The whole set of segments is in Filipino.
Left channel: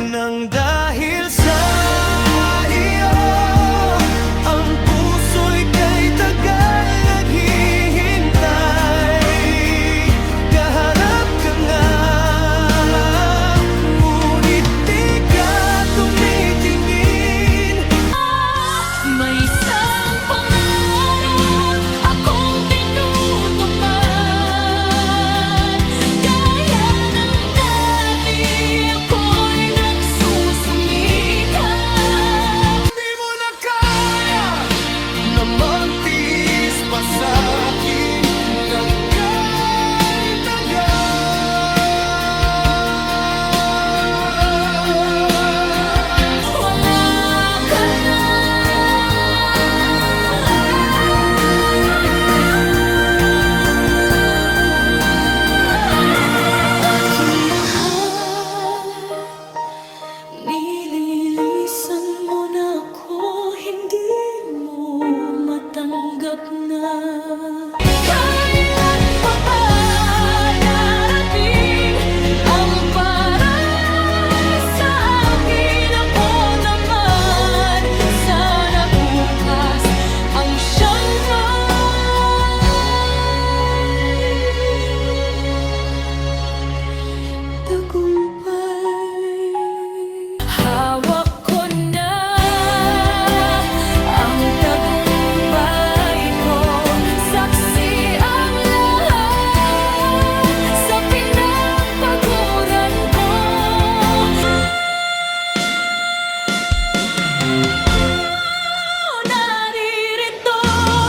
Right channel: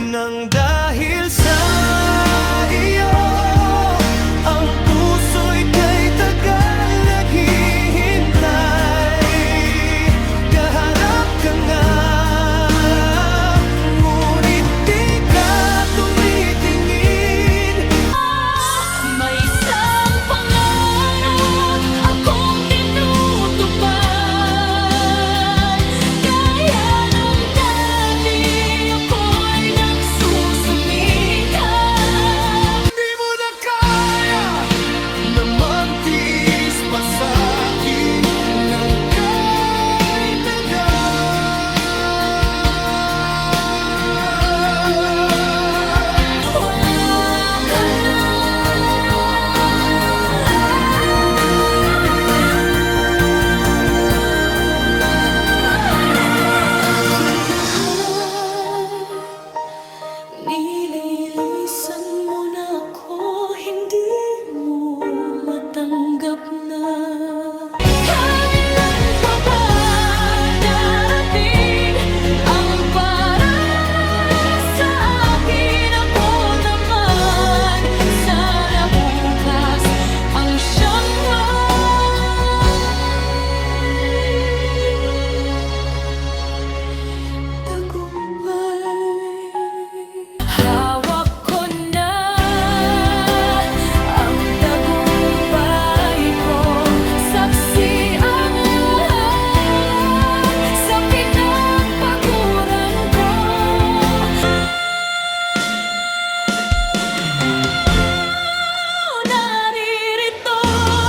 Nang dahil sa iyo, ang puso'y kay tagal naghihintay. Kaharap ka nga, ngunit di ka tumitingin. May isang pangarap akong tinutupad. Gaya ng dati ako'y nagsusumikap. Di mo na kaya na magtiis pa sa'kin ng kay tagal. Wala ka na. Aking mahal, nililisan mo na ako, hindi mo matanggap na. Kailan pa ba darating ang para sa akin? Ako naman, sana bukas ang siyang tagumpay. Hawak ko na ang tagumpay ko. Saksi ang lahat sa pinagpaguran ko. Naririto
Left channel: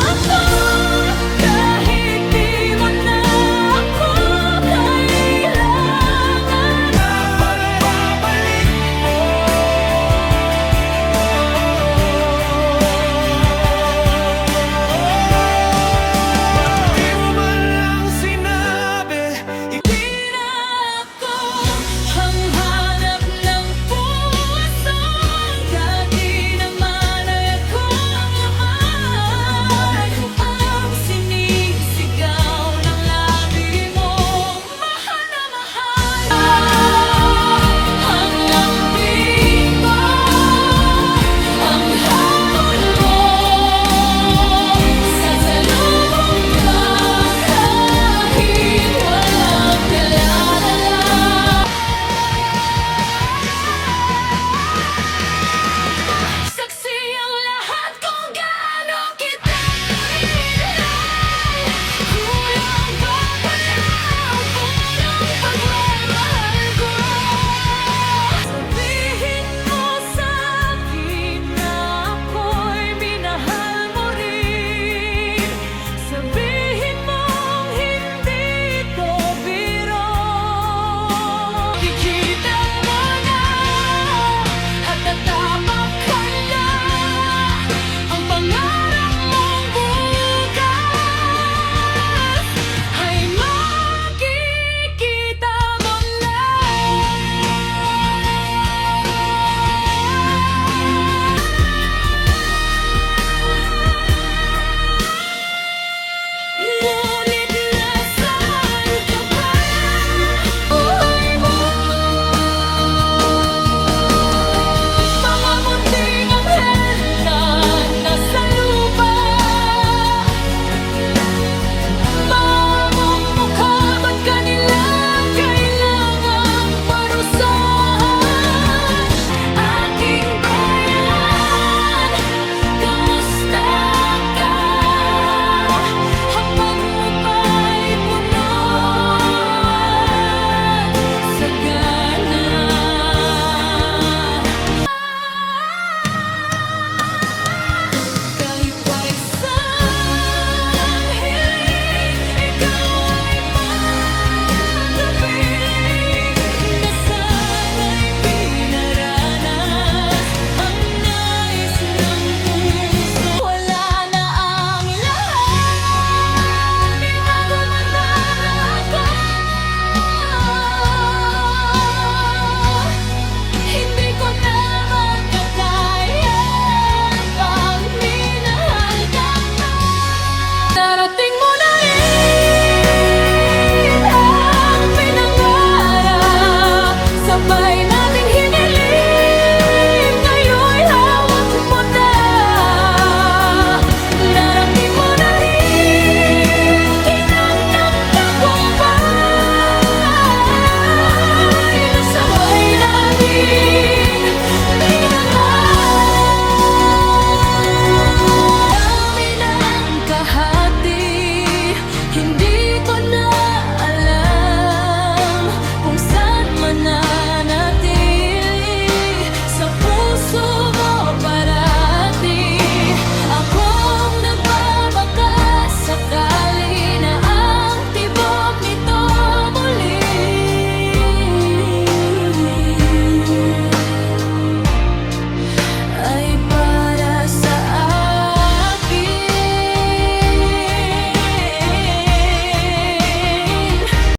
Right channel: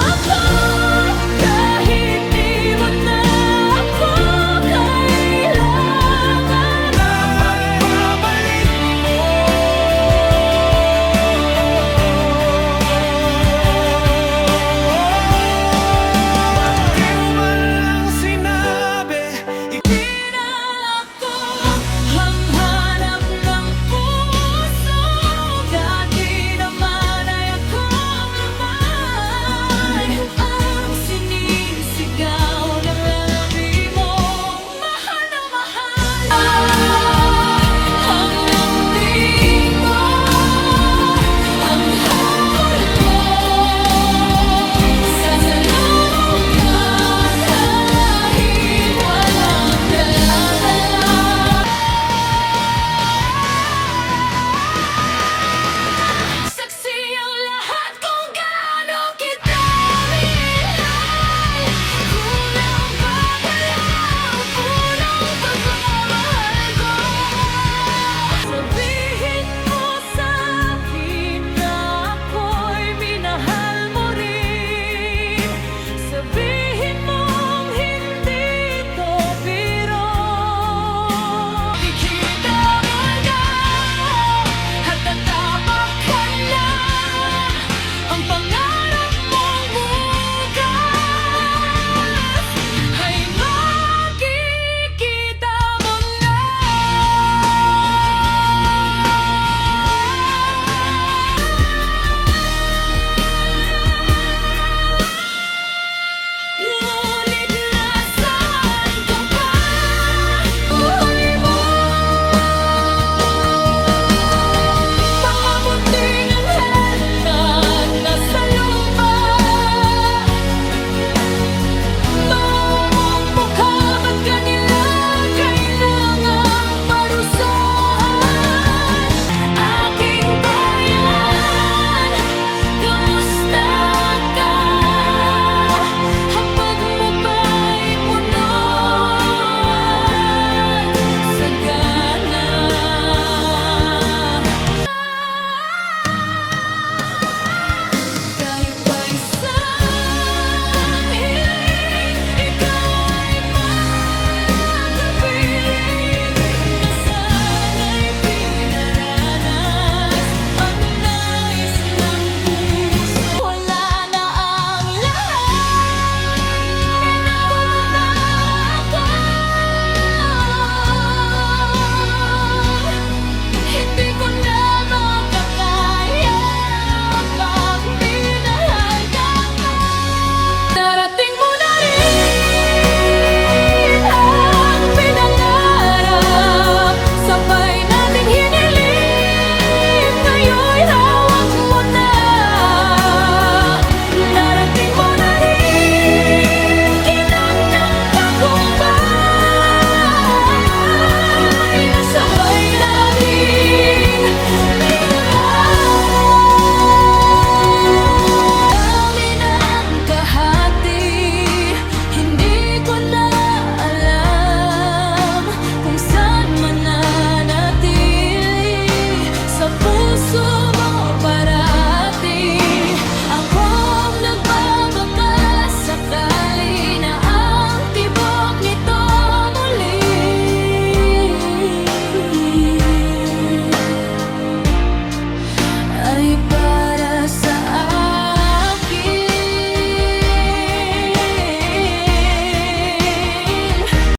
ako kahit di mo na ako kailangan. Pagbabalik mo, ba't di mo man lang sinabi? Di na ako ang hanap ng puso. Dati naman ay ako naman ang sinisigaw ng labi mo. Mahal na mahal ang lambing ko, ang habol mo. Sasalubong ka kahit walang dala-dala. Saksi ang lahat kung gaano kita minahal. Kulang pa pala ang punong pagmamahal ko. Sabihin mo sa akin na ako'y minahal mo rin. Sabihin mong hindi ito biro. Ikita mo na at tatapak ka na. Ang pangarap mong bukas ay makikita mo na. Ngunit nasaan ka ba? Buhay mo, mga munting anghel na nasa lupa. Mamong mukha, ba't kanila kailangang parusahan? Aking bayan, kamusta ka? Hapag mo ba'y punuan sa